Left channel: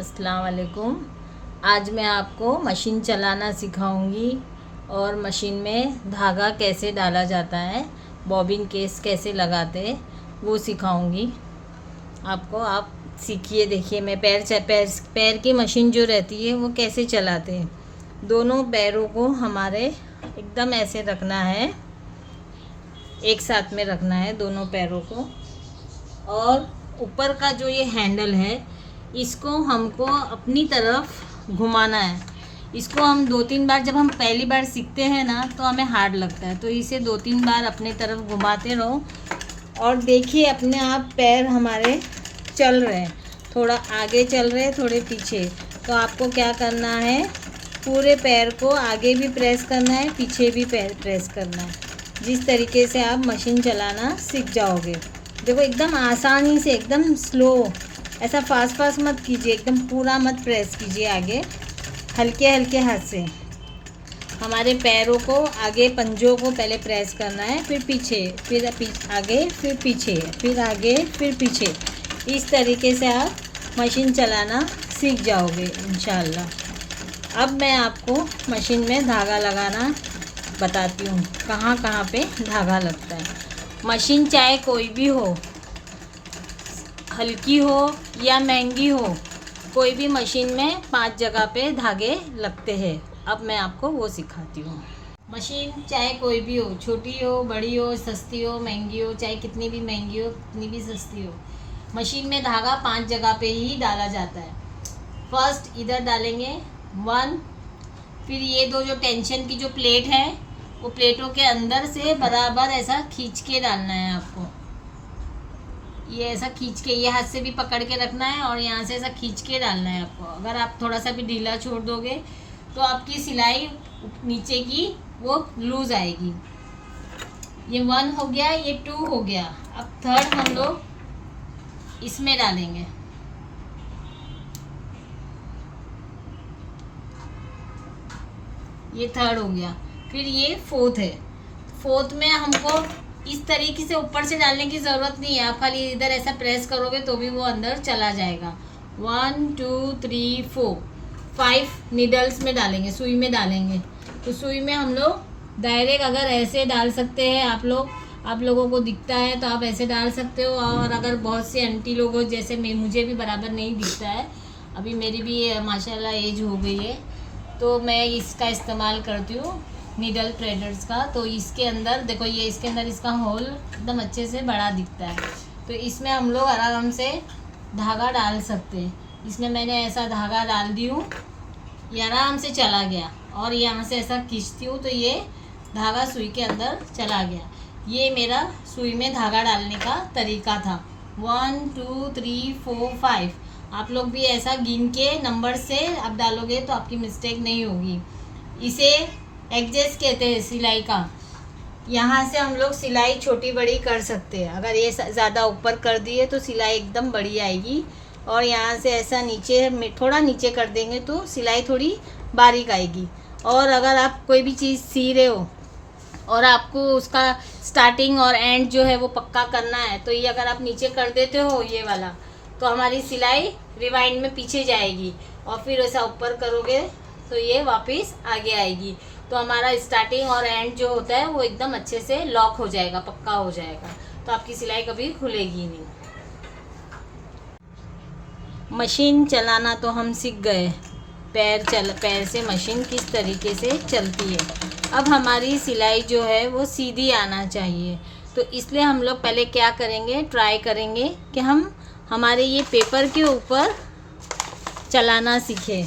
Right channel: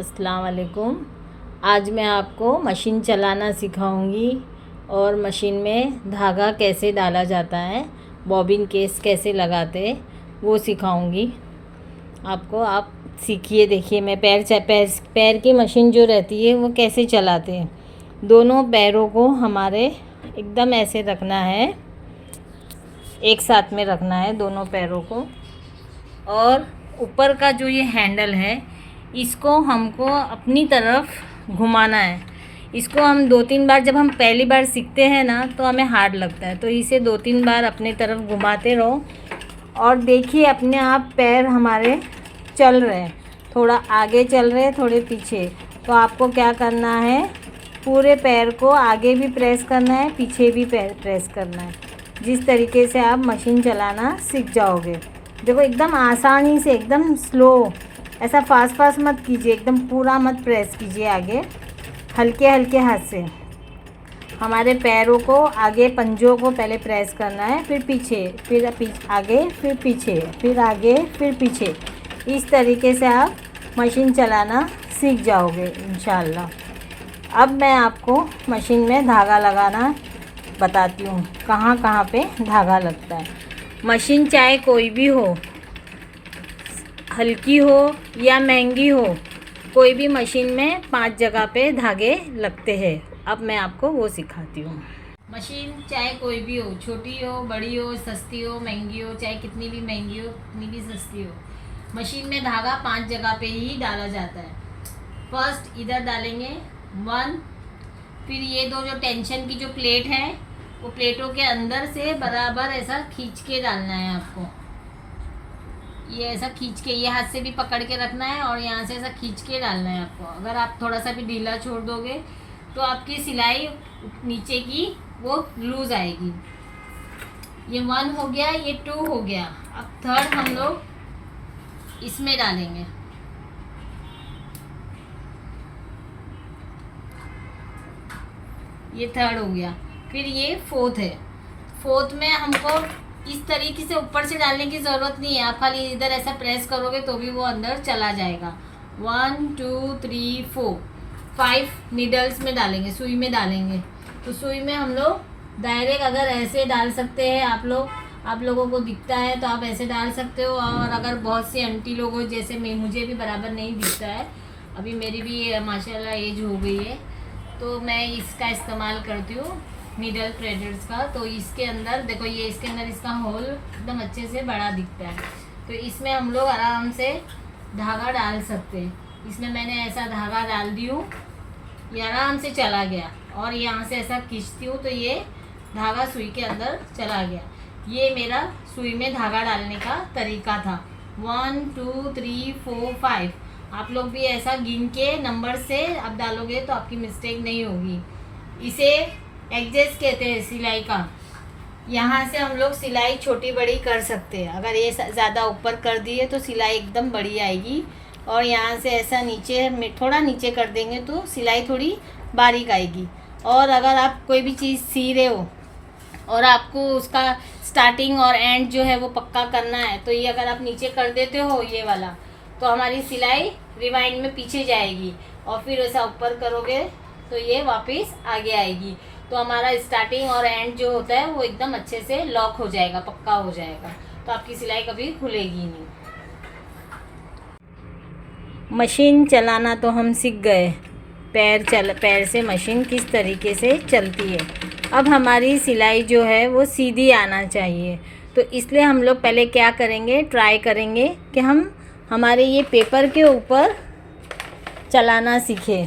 अस्सलाम वालेकुम। आज मैं आपको मशीन चलाना सिखाऊंगी और मशीन में धागा कैसे डाला जाता है, बॉबिन केस कैसे लगाते वो सिखाऊंगी आपको। आप सीखिए। देखिए मैं पैर की मशीन जो रहती है वो कैसे चलाते हैं। दोनों पैरों को हमारे एकदम ऐसे रखना है, एक साथ में रखना है दोनों पैरों को। और ऊपर का जो ये हैंडल है इसको हमको अपनी तरफ घुमाना है। इसको हम 2-3 बार, जब हम पहली बार सीखते हैं ना तो हमें हार्ड लगता है, तो इसे 2-3 बार अपनी तरफ घुमाते रहो और देखिए अपने आप पैर हमारे चल रहे हैं, थोड़ा आगे चल रहे हैं, थोड़े पीछे। तो आपको क्या करना है, पूरे पैर को आगे भी प्रेस करना है, पीछे भी पैर प्रेस करना है। जिस तरीके से आप मशीन चलाना सीख जाओगे। देखो एकदम आसानी से, एकदम स्लो, ऐसा फास्ट मत कीजिए, एकदम पूरा मत प्रेस कीजिए आगे, हल्के हल्के हाथ से। हमारे पैरों को आगे, पंजों को पहले प्रेस करना है, फिर पीछे, फिर आगे, फिर पीछे, फिर आगे, फिर पीछे। इस तरीके से आप मशीन चलाना सीख जाओगे इंशाल्लाह। अब मैं आपको मशीन में धागा लगाना बताती हूँ, कहाँ कहाँ पे धागा लगता है। मशीन चाहे कोई भी हो, हल्की हो या महंगी हो, कोई भी मशीन में 5 जगह पे धागे लगते हैं। अब मैं आपको वो सिखाती हूँ। मशीन चाहे कोई भी हो, छोटी हो, बड़ी हो, सस्ती हो, महंगी हो, चाहे कितनी भी महंगी हो, कितनी भी सस्ती हो, मशीन में धागा 5 जगह पे ही डाला जाता है। फर्स्ट इधर डालेंगे 1, फिर ये दो जो टेंशन की जो प्लेट है वो प्लेटों के अंदर से बराबर ऐसा खींच के डालना है आपको। ये ऐसा खींच के, ये हाथ से भी पकड़ के रखना है और यहाँ से ऐसा खींच के डालना है आपको। अगर आप थोड़ा सा भी ढीला छोड़ दोगे तो आपकी सिलाई नीचे की वो लूज आएगी। ये 1 हो गया, ये 2 हो गया। अब 3rd हम लोग इसमें डालेंगे। ये 3rd हो गया। फिर ये 4th है। 4th में हमको इस तरीके से ऊपर से डालने की ज़रूरत नहीं है, आप खाली इधर ऐसा प्रेस करोगे तो भी वो अंदर चला जाएगा। 1 2 3 4 5 नीडल्स में डालेंगे, सुई में डालेंगे। तो सुई में हम लोग डायरेक्ट अगर ऐसे डाल सकते हैं, आप लोगों को दिखता है तो आप ऐसे डाल सकते हो। और अगर बहुत से आंटी लोग हो, जैसे मुझे भी बराबर नहीं दिखता है, अभी मेरी भी माशाल्लाह एज हो गई है, तो मैं इसका इस्तेमाल करती हूँ, नीडल थ्रेडर्स का। तो इसके अंदर देखो, ये इसके अंदर इसका होल एकदम अच्छे से बड़ा दिखता है, तो इसमें हम लोग आराम से धागा डाल सकते हैं। इसमें मैंने ऐसा धागा डाल दी हूँ, ये आराम से चला गया। और यहाँ से ऐसा खींचती हूँ तो ये धागा सुई के अंदर चला गया। ये मेरा सुई में धागा डालने का तरीका था। 1 2 3 4 5। आप लोग भी ऐसा गिन के नंबर से आप डालोगे तो आपकी मिस्टेक नहीं होगी। इसे एडजस्ट कहते हैं सिलाई का। यहाँ से हम लोग सिलाई छोटी बड़ी कर सकते हैं। अगर ये ज़्यादा ऊपर कर दिए तो सिलाई एकदम बड़ी आएगी, और यहाँ से ऐसा नीचे में थोड़ा नीचे कर देंगे तो सिलाई थोड़ी बारीक आएगी। और अगर आप कोई भी चीज़ सी रहे हो और आपको उसका स्टार्टिंग और एंड जो है वो पक्का करना है, तो ये अगर आप नीचे कर देते हो ये वाला, तो हमारी सिलाई रिवाइंड में पीछे जाएगी, और फिर ऐसा ऊपर करोगे तो ये वापस आगे आएगी। तो हमारा स्टार्टिंग और एंड जो होता है वो एकदम अच्छे से लॉक हो जाएगा, पक्का हो जाएगा, तो आपकी सिलाई कभी खुलेगी नहीं। मशीन चलाना तो हम सीख गए, पैर से मशीन किस तरीके से चलती है। अब हमारी सिलाई जो है वो सीधी आना चाहिए, तो इसलिए हम लोग पहले क्या करेंगे, ट्राई करेंगे कि हमारे ये पेपर के ऊपर चलाना सीखें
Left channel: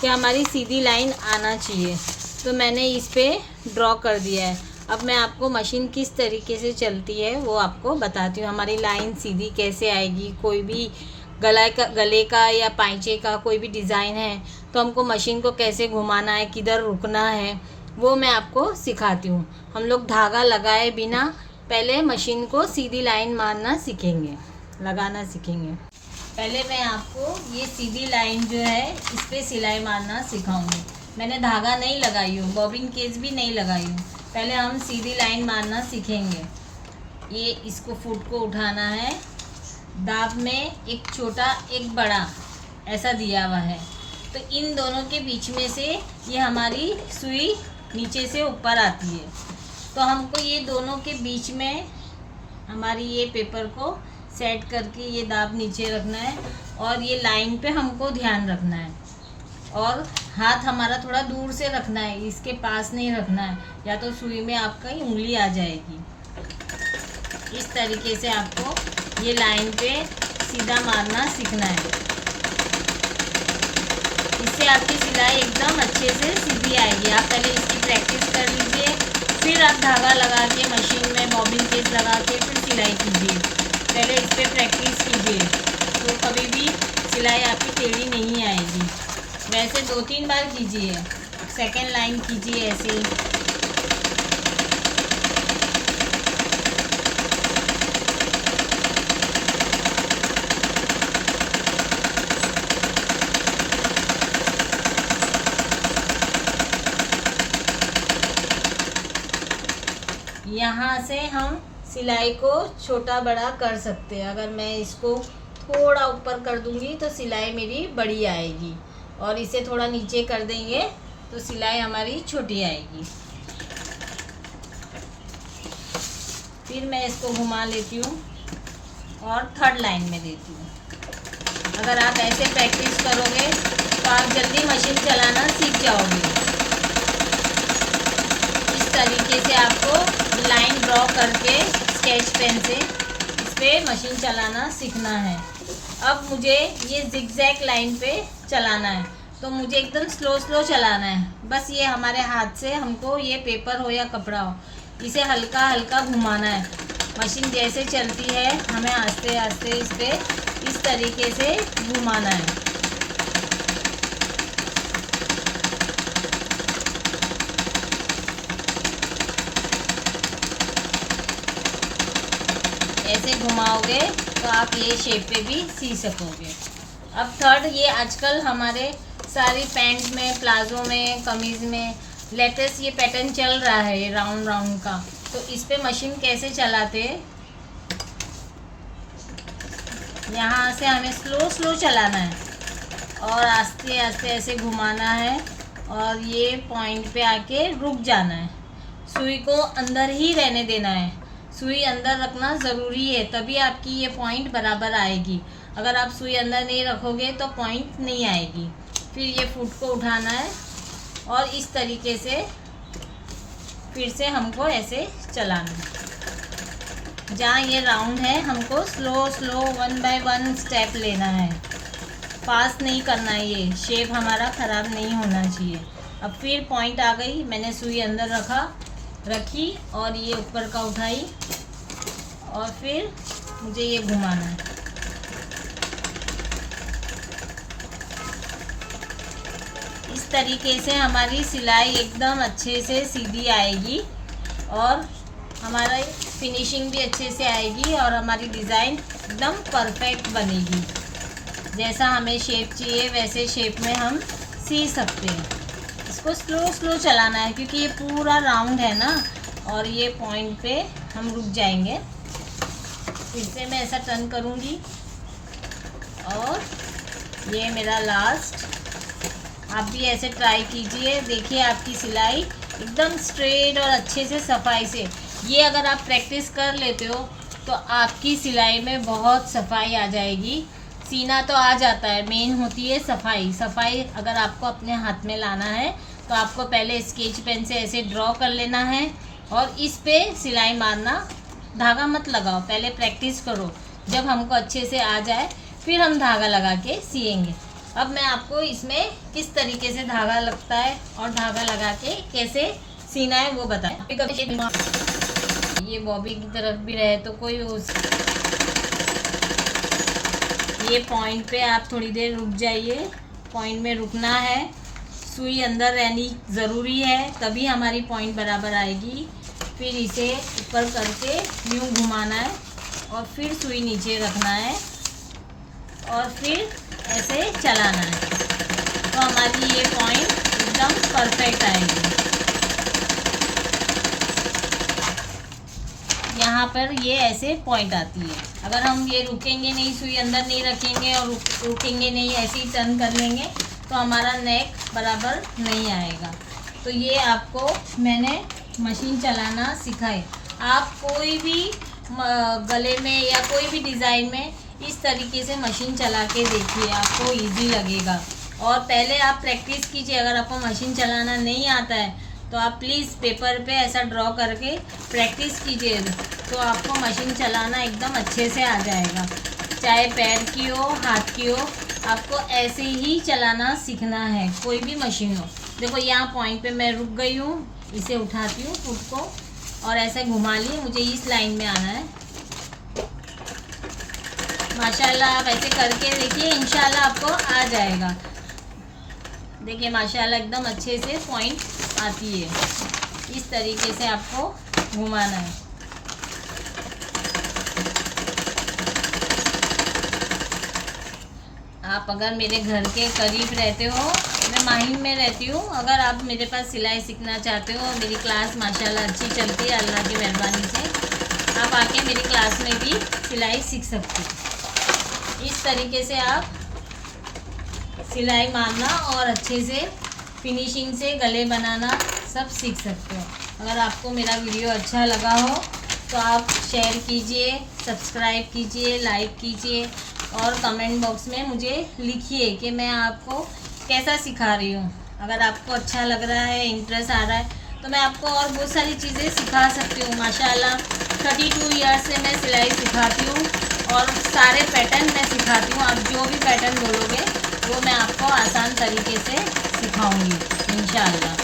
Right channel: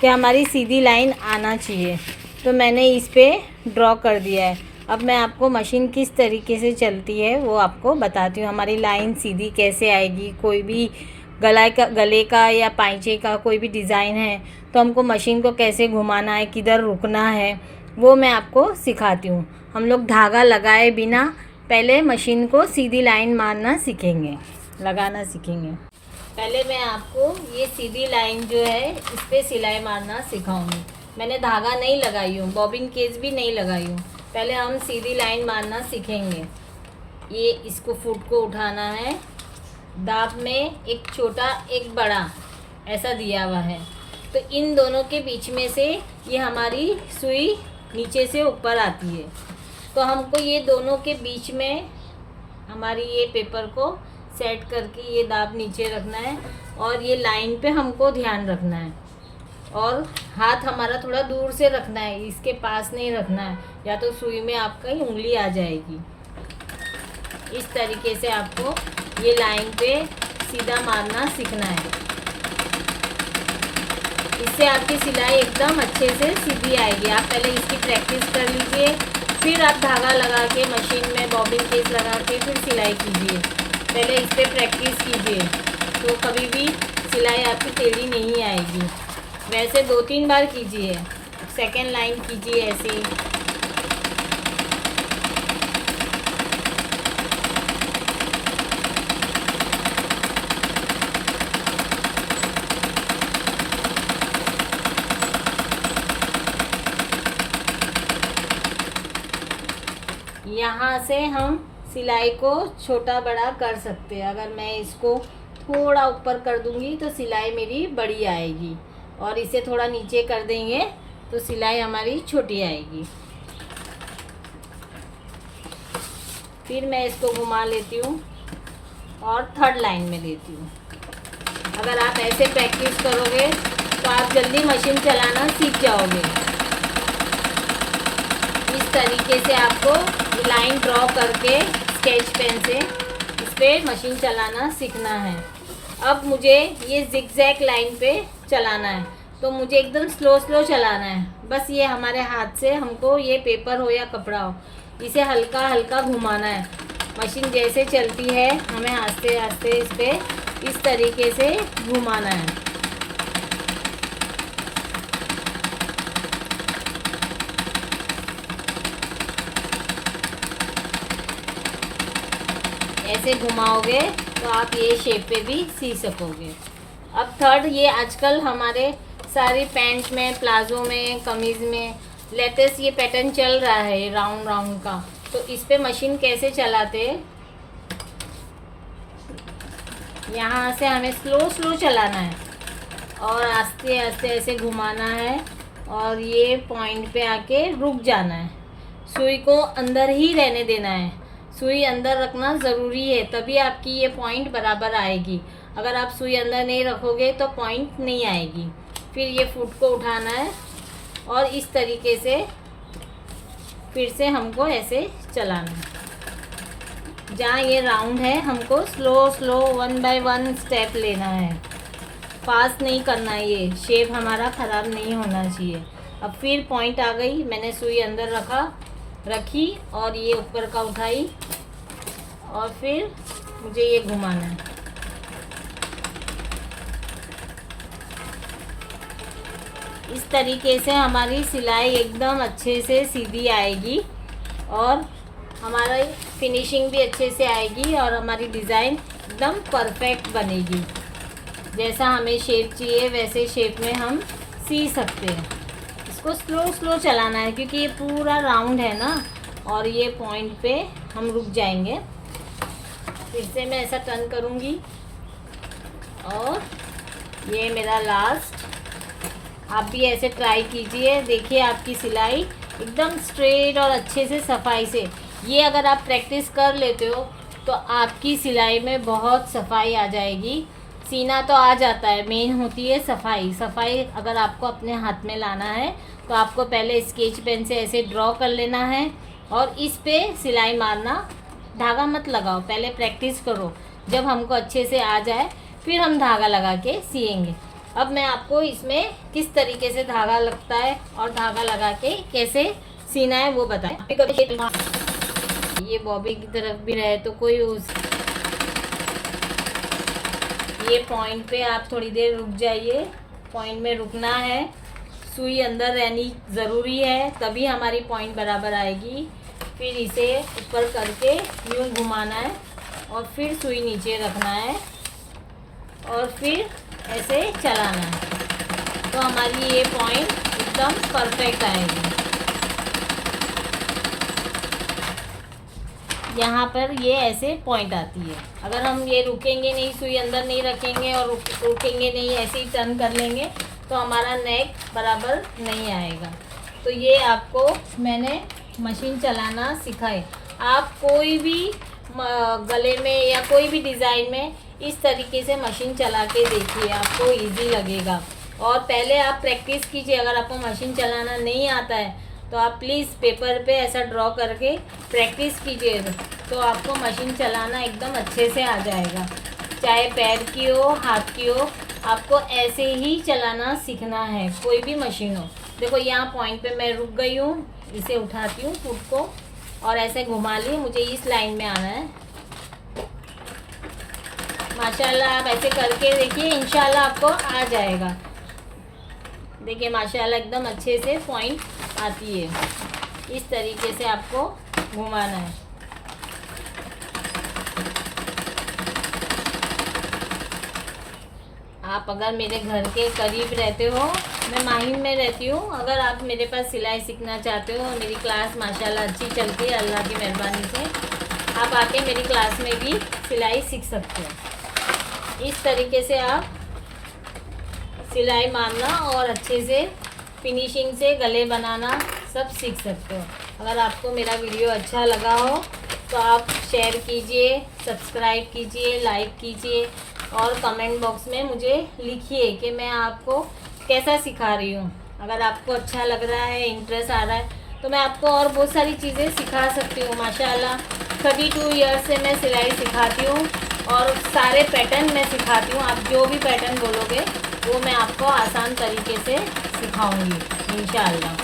कि हमारी सीधी लाइन आना चाहिए। तो मैंने इस पे ड्रॉ कर दिया है। अब मैं आपको मशीन किस तरीके से चलती है वो आपको बताती हूँ। हमारी लाइन सीधी कैसे आएगी, कोई भी गले का या पाइचे का कोई भी डिज़ाइन है तो हमको मशीन को कैसे घुमाना है, किधर रुकना है, वो मैं आपको सिखाती हूँ। हम लोग धागा लगाए बिना पहले मशीन को सीधी लाइन मारना सीखेंगे, लगाना सीखेंगे। पहले मैं आपको ये सीधी लाइन जो है इस पर सिलाई मारना सिखाऊंगी। मैंने धागा नहीं लगाई हूँ, बॉबिन केस भी नहीं लगाई हूँ। पहले हम सीधी लाइन मारना सीखेंगे। ये इसको फुट को उठाना है, दाब में एक छोटा एक बड़ा ऐसा दिया हुआ है। तो इन दोनों के बीच में से ये हमारी सुई नीचे से ऊपर आती है, तो हमको ये दोनों के बीच में हमारी ये पेपर को सेट करके ये दाब नीचे रखना है और ये लाइन पे हमको ध्यान रखना है और हाथ हमारा थोड़ा दूर से रखना है, इसके पास नहीं रखना है, या तो सुई में आपका ही उंगली आ जाएगी। इस तरीके से आपको ये लाइन पे सीधा मारना सीखना है, इससे आपकी सिलाई एकदम अच्छे से सीधी आएगी। आप पहले इसकी प्रैक्टिस कर लीजिए, फिर आप धागा लगा के मशीन में बॉबिन केस लगा के फिर सिलाई कीजिए। पहले इस पर प्रैक्टिस कीजिए तो कभी भी सिलाई आपकी टेढ़ी नहीं आएगी। वैसे 2-3 बार कीजिए, सेकेंड लाइन कीजिए ऐसे ही। यहाँ से हम सिलाई को छोटा बड़ा कर सकते हैं। अगर मैं इसको थोड़ा ऊपर कर दूंगी तो सिलाई मेरी बड़ी आएगी और इसे थोड़ा नीचे कर देंगे तो सिलाई हमारी छोटी आएगी। फिर मैं इसको घुमा लेती हूँ और थर्ड लाइन में लेती हूँ। अगर आप ऐसे प्रैक्टिस करोगे तो आप जल्दी मशीन चलाना सीख जाओगे। इस तरीके से आपको लाइन ड्रॉ करके स्केच पेन से इस पर मशीन चलाना सीखना है। अब मुझे ये जिगजैग लाइन पे चलाना है, तो मुझे एकदम स्लो चलाना है। बस ये हमारे हाथ से हमको ये पेपर हो या कपड़ा हो, इसे हल्का हल्का घुमाना है। मशीन जैसे चलती है हमें आस्ते आस्ते इस पर इस तरीके से घुमाना है। ऐसे घुमाओगे तो आप ये शेप पे भी सी सकोगे। अब थर्ड, ये आजकल हमारे सारी पैंट में, प्लाजो में, कमीज़ में लेटेस्ट ये पैटर्न चल रहा है राउंड राउंड का। तो इस पे मशीन कैसे चलाते, यहाँ से हमें स्लो चलाना है और आस्ते आस्ते ऐसे घुमाना है और ये पॉइंट पे आके रुक जाना है। सुई को अंदर ही रहने देना है, सुई अंदर रखना ज़रूरी है, तभी आपकी ये पॉइंट बराबर आएगी। अगर आप सुई अंदर नहीं रखोगे तो पॉइंट नहीं आएगी। फिर ये फुट को उठाना है और इस तरीके से फिर से हमको ऐसे चलाना है। जहाँ ये राउंड है हमको स्लो 1 बाय 1 स्टेप लेना है, फास्ट नहीं करना है, ये शेप हमारा ख़राब नहीं होना चाहिए। अब फिर पॉइंट आ गई, मैंने सुई अंदर रखी और ये ऊपर का उठाई और फिर मुझे ये घुमाना है। इस तरीके से हमारी सिलाई एकदम अच्छे से सीधी आएगी और हमारी फिनिशिंग भी अच्छे से आएगी और हमारी डिज़ाइन एकदम परफेक्ट बनेगी। जैसा हमें शेप चाहिए वैसे शेप में हम सी सकते हैं। इसको स्लो चलाना है क्योंकि ये पूरा राउंड है ना, और ये पॉइंट पे हम रुक जाएंगे। फिर से मैं ऐसा टर्न करूँगी और ये मेरा लास्ट। आप भी ऐसे ट्राई कीजिए, देखिए आपकी सिलाई एकदम स्ट्रेट और अच्छे से सफाई से। ये अगर आप प्रैक्टिस कर लेते हो तो आपकी सिलाई में बहुत सफाई आ जाएगी। सीना तो आ जाता है, मेन होती है सफाई। सफाई अगर आपको अपने हाथ में लाना है तो आपको पहले स्केच पेन से ऐसे ड्रॉ कर लेना है और इस पे सिलाई मारना। धागा मत लगाओ, पहले प्रैक्टिस करो। जब हमको अच्छे से आ जाए फिर हम धागा लगा के सिएंगे। अब मैं आपको इसमें किस तरीके से धागा लगता है और धागा लगा के कैसे सीना है वो बताएं। ये बॉबी की तरफ भी रहे तो कोई ये पॉइंट पे आप थोड़ी देर रुक जाइए। पॉइंट में रुकना है, सुई अंदर रहनी ज़रूरी है, तभी हमारी पॉइंट बराबर आएगी। फिर इसे ऊपर करके यूँ घुमाना है और फिर सुई नीचे रखना है और फिर ऐसे चलाना है, तो हमारी ये पॉइंट एकदम परफेक्ट आएगी। यहाँ पर ये ऐसे पॉइंट आती है। अगर हम ये रुकेंगे नहीं, सुई अंदर नहीं रखेंगे और रुकेंगे नहीं, ऐसे ही टर्न कर लेंगे तो हमारा नेक बराबर नहीं आएगा। तो ये आपको मैंने मशीन चलाना सिखाए। आप कोई भी गले में या कोई भी डिज़ाइन में इस तरीके से मशीन चला के देखिए, आपको इजी लगेगा। और पहले आप प्रैक्टिस कीजिए। अगर आपको मशीन चलाना नहीं आता है तो आप प्लीज़ पेपर पे ऐसा ड्रॉ करके प्रैक्टिस कीजिए, तो आपको मशीन चलाना एकदम अच्छे से आ जाएगा। चाहे पैर की हो, हाथ की हो, आपको ऐसे ही चलाना सीखना है, कोई भी मशीन हो। देखो यहाँ पॉइंट पे मैं रुक गई हूँ, इसे उठाती हूँ फुट को और ऐसे घुमा लिए, मुझे इस लाइन में आना है। माशाल्लाह आप ऐसे करके देखिए, इंशाल्लाह आपको आ जाएगा। देखिए माशाल्लाह एकदम अच्छे से पॉइंट आती है। इस तरीके से आपको घुमाना है। आप अगर मेरे घर के करीब रहते हो, मैं माहिम में रहती हूँ, अगर आप मेरे पास सिलाई सीखना चाहते हो, मेरी क्लास माशाल्लाह अच्छी चलती है अल्लाह की मेहरबानी से, आप आके मेरी क्लास में भी सिलाई सीख सकते हो। इस तरीके से आप सिलाई मारना और अच्छे से फिनिशिंग से गले बनाना सब सीख सकते हो। अगर आपको मेरा वीडियो अच्छा लगा हो तो आप शेयर कीजिए, सब्सक्राइब कीजिए, लाइक कीजिए और कमेंट बॉक्स में मुझे लिखिए कि मैं आपको कैसा सिखा रही हूँ। अगर आपको अच्छा लग रहा है, इंटरेस्ट आ रहा है, तो मैं आपको और बहुत सारी चीज़ें सिखा सकती हूँ। माशाल्लाह 32 ईयर्स से मैं सिलाई सिखाती हूँ और सारे पैटर्न मैं सिखाती हूँ। आप जो भी पैटर्न बोलोगे वो मैं आपको आसान तरीके से सिखाऊंगी इंशाअल्लाह।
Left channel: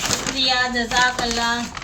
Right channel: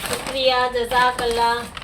शुक्रिया, जज़ाकल्लाह।